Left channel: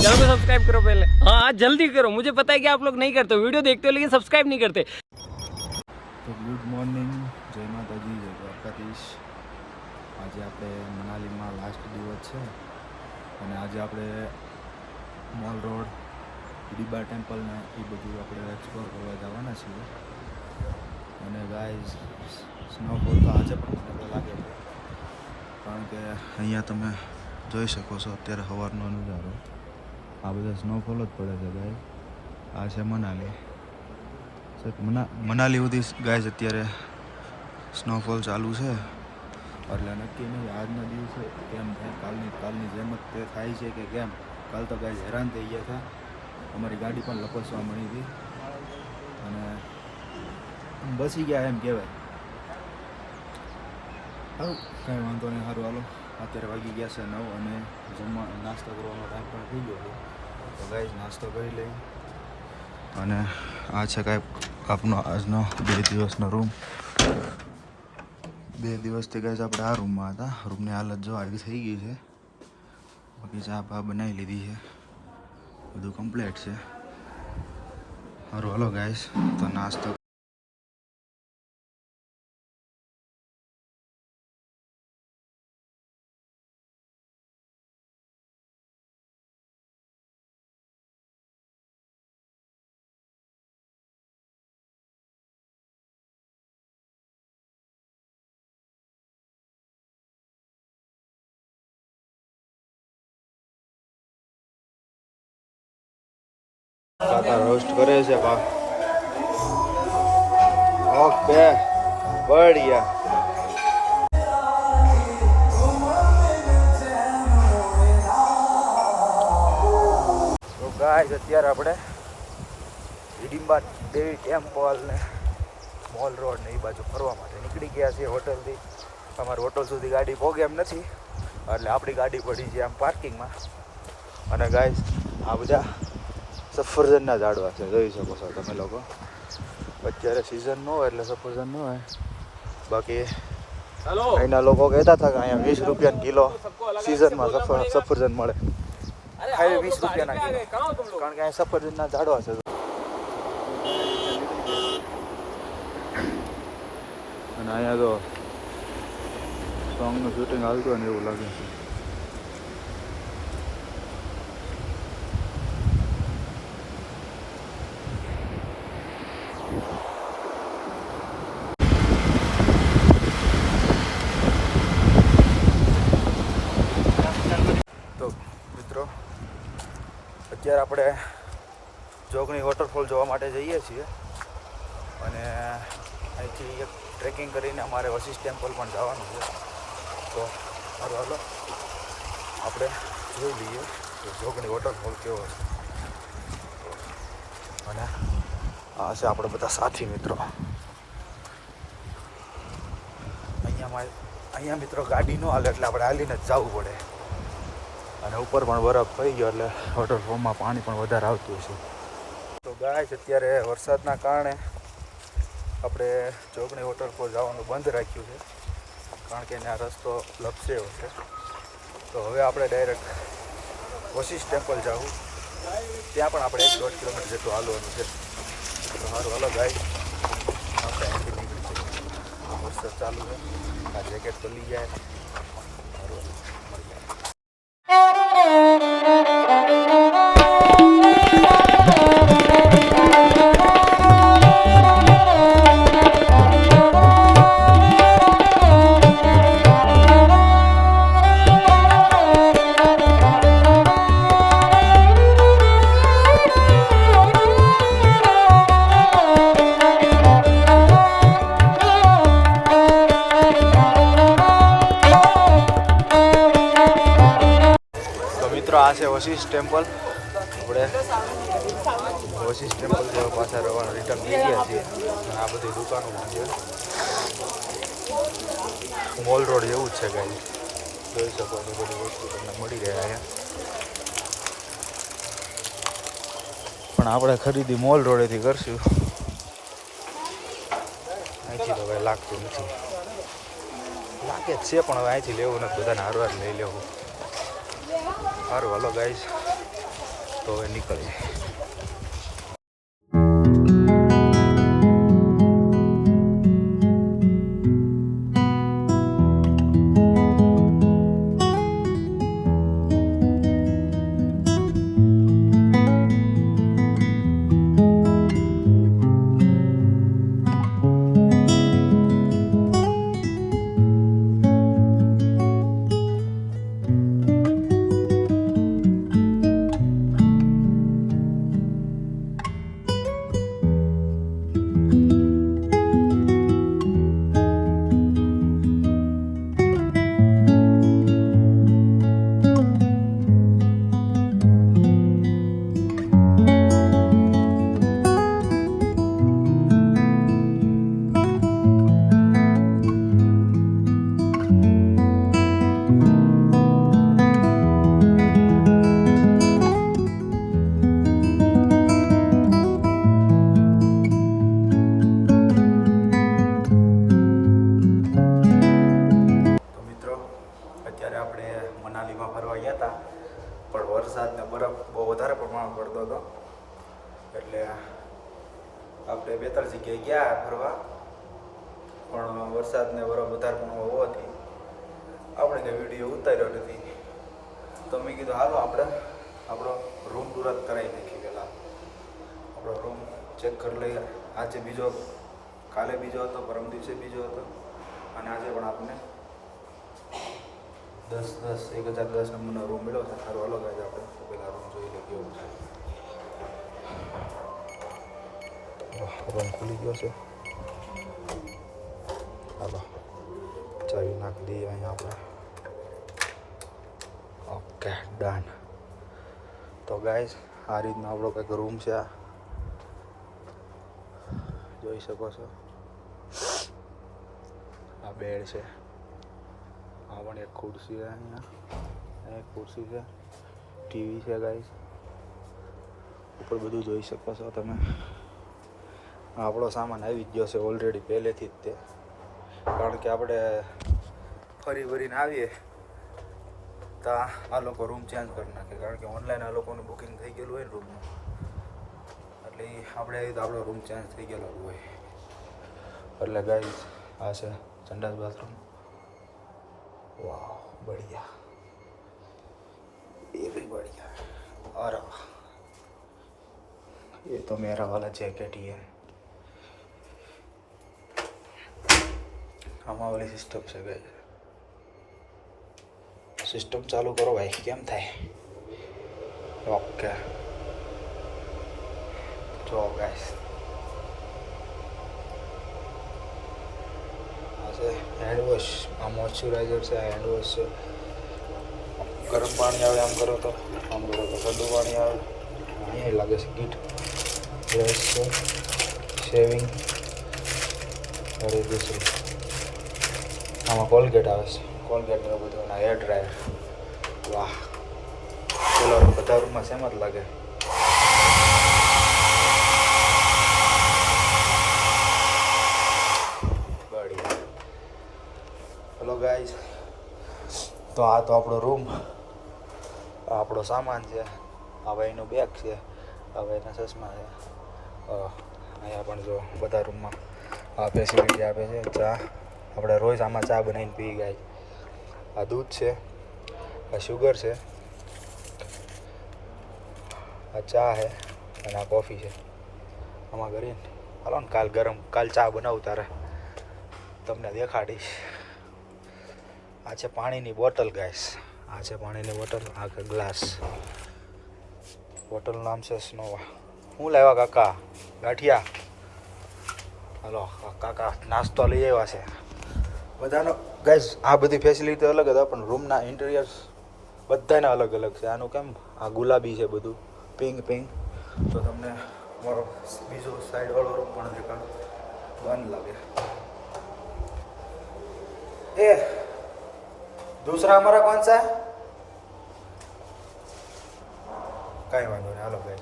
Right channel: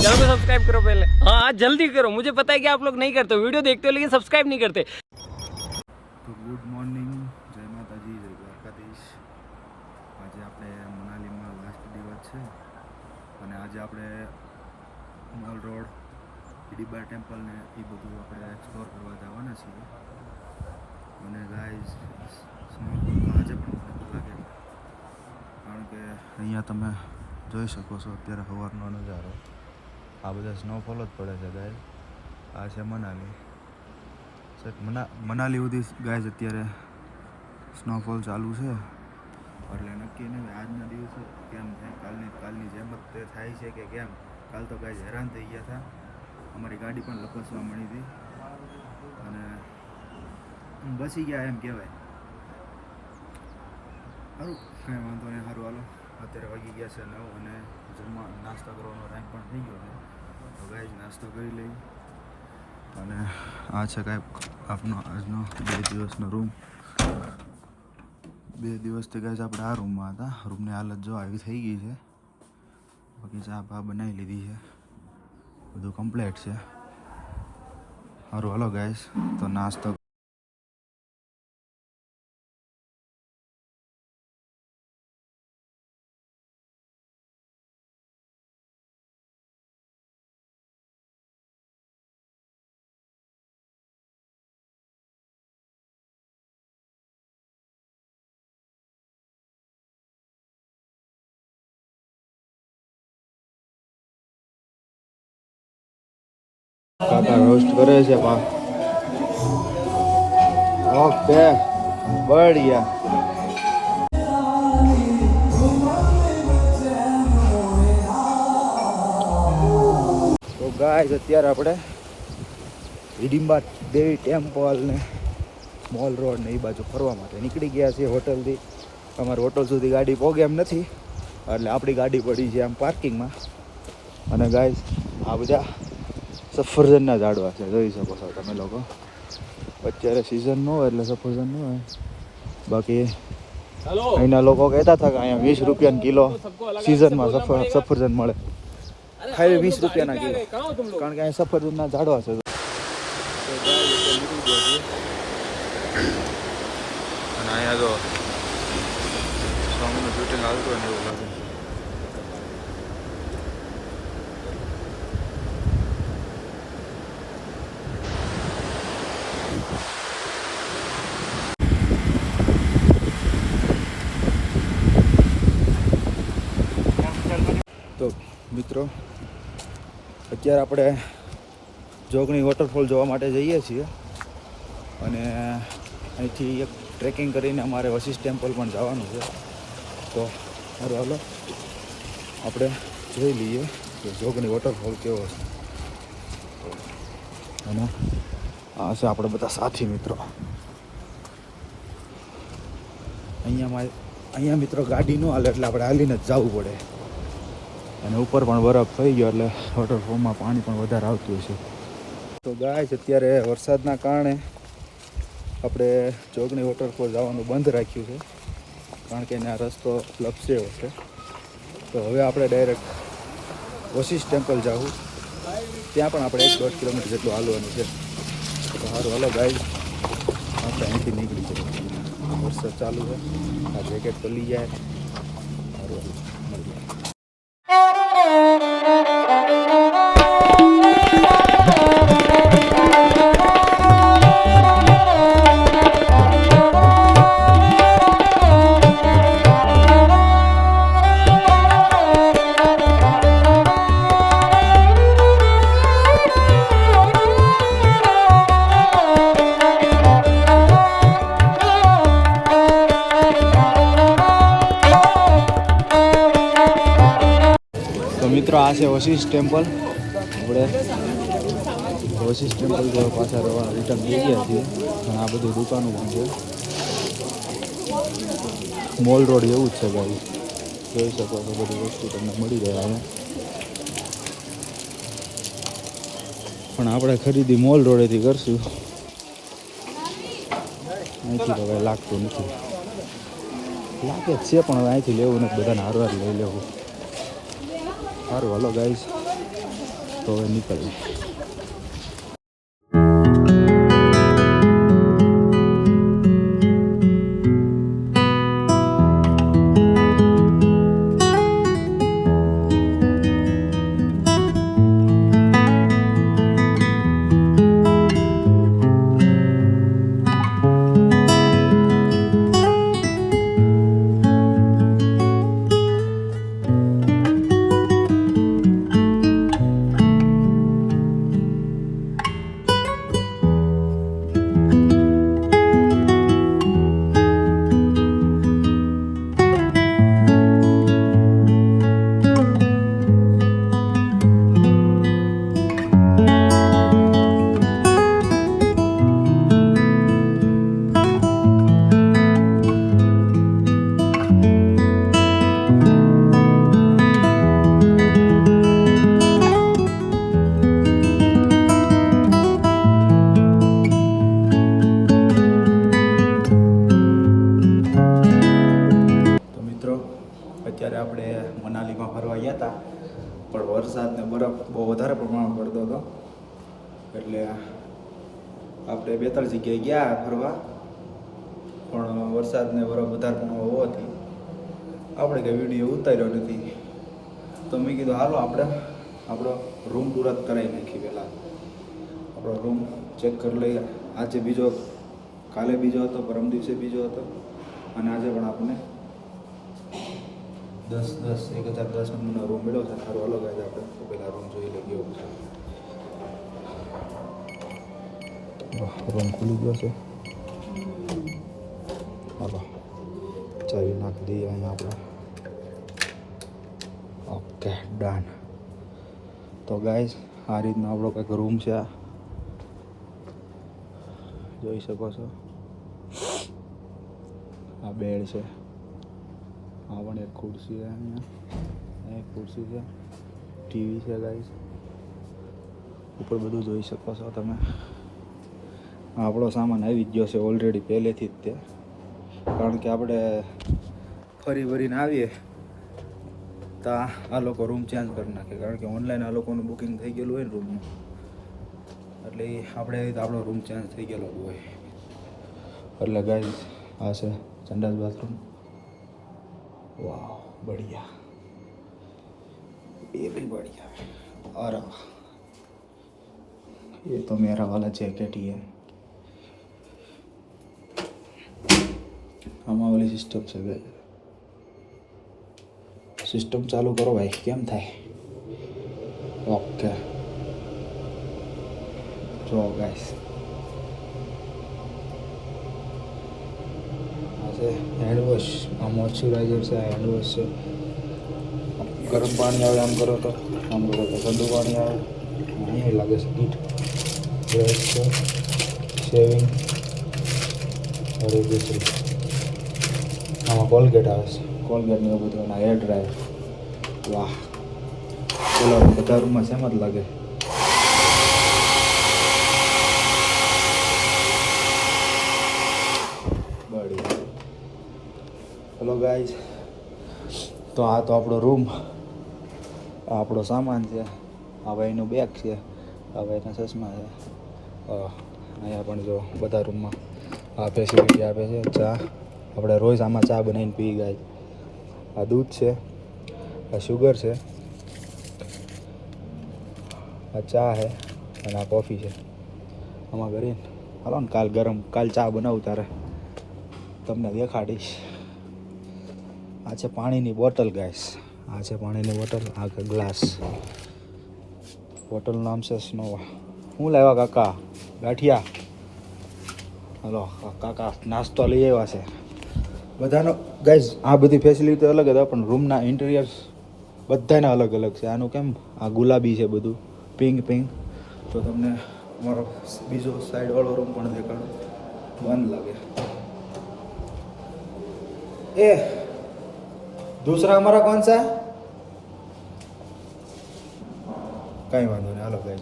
Channel को subscribe करो पहले। हाँ जल्दी करो, मुझे पता है कि आप लोग नहीं करते, वीडियो देखते हो लेकिन सब्सक्राइब नहीं करते। તો ગુડ મોર્નિંગ, જય માતાજી, જય દ્વારકાધીશ। આજે આપણે મનાલીમાં લાસ્ટ દિવસ છે અને આજે આપણે મોલ રોડ, ડીબા ટેમ્પલ ને એ બધું આપણે એક્સપ્લોર કરવા જવાના છીએ। અને ગાઈઝ સ્નોફોલ તો આજે પણ મને તો લાગે છે, કારણ કે અહીંયા તમે જોઈ શકો છો અત્યારે સવારનો નજારો, આ બધા સ્નોફોલ જ પડે છે ગાઈઝ। આ છે મનાલી, મનાલી સુધી ગાઈઝ અત્યારે સ્નોફોલ ચાલુ છે, એટલે નક્કી નહીં આજના દિવસે કેમ થાય, કાલની જેમ જ તે થાય છે કે કેમ। કાલ તો ગાઈઝ હેરાન થઈ ગયા હતા, અમારી ગાડી પણ લપસવા મળી હતી અને બસી ગયા એમ કહેવાય। સારું, કાંઈ વાંધો નહીં, સારું હાલો। અત્યારે વાગી ગયા છે 9 અને નાસ્તો કરવાનો ટાઈમ પણ થઈ ગયો છે, તો ગાઈઝ નાસ્તો કરી લઈ। અને આ છે કાંઈ આપનો આજનો 2 દિવસનો રૂમ। 2 દિવસથી ગાઈઝ આપણે આ રૂમમાં હતા, રૂમની હાલત જો આવી થઈ ગઈ છે, બાકી ચા પા બનાવી લીધી છે, બધું કમ્પ્લીટ છે। સારું હાલો ગાઈઝ, તો નાસ્તો કાકા રોસ્ટ કરે છે। ઓકે બઢિયા। તો ગાઈઝ અત્યારે આપણે હિડિંબા દેવી ટેમ્પલ ને મોલ રોડ ને એ બાજુ ફરવા માટે નીકળી ગયા છીએ હોટલથી। અમારી હોટલ સુધી ગાડી પહોંચે એમ નથી, એટલે આપણી ગાડી પડી છે આમ પાર્કિંગમાં। અને ગાઈઝ આ બધા સફરજનના ઝાડવા છે, જોઈ શકો છો તમે લોકો। અત્યારે સિઝન ન હોય એટલે સફરજન ન હોય, બાકી અહીંના લોકો કહેતા હતા કે અહીંયા 20 રૂપિયાના કિલો સિઝનમાં સફરજન મળે, ખાલી 20 રૂપિયાના કિલો, કારણ કે અહીંયા સફરજનના ઝાડવા છે। તો નીકળી ગયા છીએ અને અહીંયા તો સોંગનું શૂટિંગ હાલતું હોય ને એવું લાગે છે। તો મિત્રો અત્યારે આપણે જોગણી વોટરફોલ જોવા માટે જઈએ છીએ અને અહીંથી એક ટ્રેકિંગ કરીને અમારે વશિષ્ઠ ટેમ્પલ પણ જવાનું છે। તો સારું હાલો આપણે જોઈ લઈએ કે જોગણી વોટરફોલ કેવો છે। અને આ છે આપણે બધા સાથી મિત્રો। અહીંયા મિત્રો ગાડી ન હાલે એટલે આપણે હાલીને જ જવું પડે, અને ઉપર પણ બરફ થઈ ગયો એટલે વોટરફોલમાં પાણી પણ વધારે આવતું છે। તો ગાઈઝ અત્યારે વરસાદના કારણે આપણે જોગણી વોટરફોલ જવાનું બંધ રાખ્યું છે, કારણ કે ત્યાં રસ્તો લપસ્યો છે। તો હવે આપણે ડાયરેક્ટ વશિષ્ઠ ટેમ્પલ જવું, ત્યાં પણ આપણે 1-1.5 કિલોમીટર જેટલું હાલવાનું છે। તો સારું હાલો ગાઈઝ, આપણે અહીંથી નીકળી જઈએ। વરસાદ ચાલુ છે, આ જેકેટ પલી જાય। સારું મળીએ। મિત્રો આ છે વશિષ્ઠ ટેમ્પલ। આપણે વશિષ્ઠ ટેમ્પલ જેવા પાછા રવાના રિટર્ન થઈ ગયા છીએ, અને આ બધી દુકાનો પણ છે, મોલ રોડ એવું જ છે ગાઈસ, જોઈ શકો છો બધી વસ્તુ તમને મળી રહે અહીંયા। પણ આપણે ખરીદી મોલ રોડેથી કરશું, અહીંથી તો કાંઈ લાગતું નથી, લાગે જ છે પણ હવે અહીંથી લેવું નથી, બધાને હારવાર લઈ લેવું। સારું હાલો ગાઈઝ, તો હવે નીકળીએ. અત્યારે આપણે મનાલીમાં ફરવા ગયા હતા, પણ વરસાદ ને બરફ બહુ વધારે પ્રમાણમાં પડતો હતો, એટલે આપણે 2-3 જગ્યાએ ગયા ફરવા, પણ વરસાદ ને બરફ વધારે પ્રમાણમાં હોવાથી આપણે કંઈ વિડીયો ઉતાર્યો નથી. તો મેં કીધું હાલો આપણે આપણો રૂમ ટૂર જ કરાવી નાખી. પહેલાં આપણો રૂમ ચેક કરી લઈએ. આજે બીજો, કાલે બીજો હતો, પરમ દિવસે બીજો હતો, અને આજે પણ આપણને 1010 નંબરનો રૂમ મળ્યો છે. સારું અલગ જ આપણે પહેલાં રૂમ જોઈ લઈએ. એવું છે રૂમ ખુલી ગયો છે. ચાવી નાખી દઈએ અહીંયા આપણે. Okay done. તો ગાઈઝ આ રીતનો આપણો કંઈક રૂમ છે, જોઈ શકો છો. આ બેડ છે, આ પણ એક ખુરશી છે, અહીંયા એક ખુરશી છે, ટીવી છે ગાઈઝ, ઉપર બધું જોઈ શકો છો તમે. આપણો સામાન આવી જ ગયો છે ઓલરેડી પહેલેથી જ તે, કારણ કે આપણે ફરી ભરીને આવીએ તો આ લોકો રૂમ ચેન્જ કરી નાખે, કારણ કે ઓનલાઈન આ લોકોનું બુકિંગ થઈ ગયેલું હોય ને રૂમનું, એટલે આપણે આવી તો આપણો રૂમ ચેન્જ થઈ ગયેલો હોય. એટલે ગાઈઝ આ છે સંડાસ બાથરૂમ. वाह बढ़िया, ये भी बढ़िया. और ये तो मेरा वाला जैकेट ही है. हमारा वाली सिस्टम से गए. सिस्टम चालू करो भाई, केम થાય? ओके જો ગાઈસ હેન્ડ વોશ, આ મોઇશ્ચરાઇઝર છે, હેન્ડ વોશ છે. ગરમ પાણી આવે આમ કરો તો, આમ કરો તો ઠંડુ પાણી આવે. અહીંયા લાગે છે કીટ, બ્રશ છે, શેવિંગ, હવે દૂસરી આમાં કોલગેટ આવે છે, કોલગેટ ને એવું બધું, અને હેર ડ્રાયર. વાહ, પેલા બધા રૂમમાં સેમ જ લાગે. હેલો ગાઈઝ, તો આ તો આપણો રૂમ, આપણો સામાન છે. આ ભાઈનું બેગ છે, આ ભાઈના ચશ્મા છે. અહીંયા પણ જો બધા રૂમમાં આ ફેસિલિટી આપે છે. ચા આપણે રોજ આમાં ચા બનાવીને પી ગાય. આ દૂધ છે, આ શુગર છે, આ ચા છે, અને આ કોફી છે. આમાં કરીને હાલો ને કાલ ચા બનાવું તારે તમને દેખાડીશ. આ છે પાણીની બોટલ ગાઈસ, આ છે પાણીની બોટલ, આ કે ગ્લાસ. બોટલનું નામ છે સ્નોવા. શું લાવ્યા કાકા? ગાંઠિયા. હલો કાકા નાસ્તો લઈ આવ્યા છે બધાનો. ગાઈસ આ બધી ફેસિલિટી અલગ હતા, પણ રૂમના ઇન્ટિરિયર્સ બધાના અલગ અલગ છે. આનું કેમ આ ગુલાબી છે બધું, પિંક. તો તમને અમારો બીજો સાઈડવાળો રૂમ પણ દેખાડો. બંધ લાગે. એ दूसरा हमारा कौन सा है? कहीं वांधो नहीं, हालो गाइस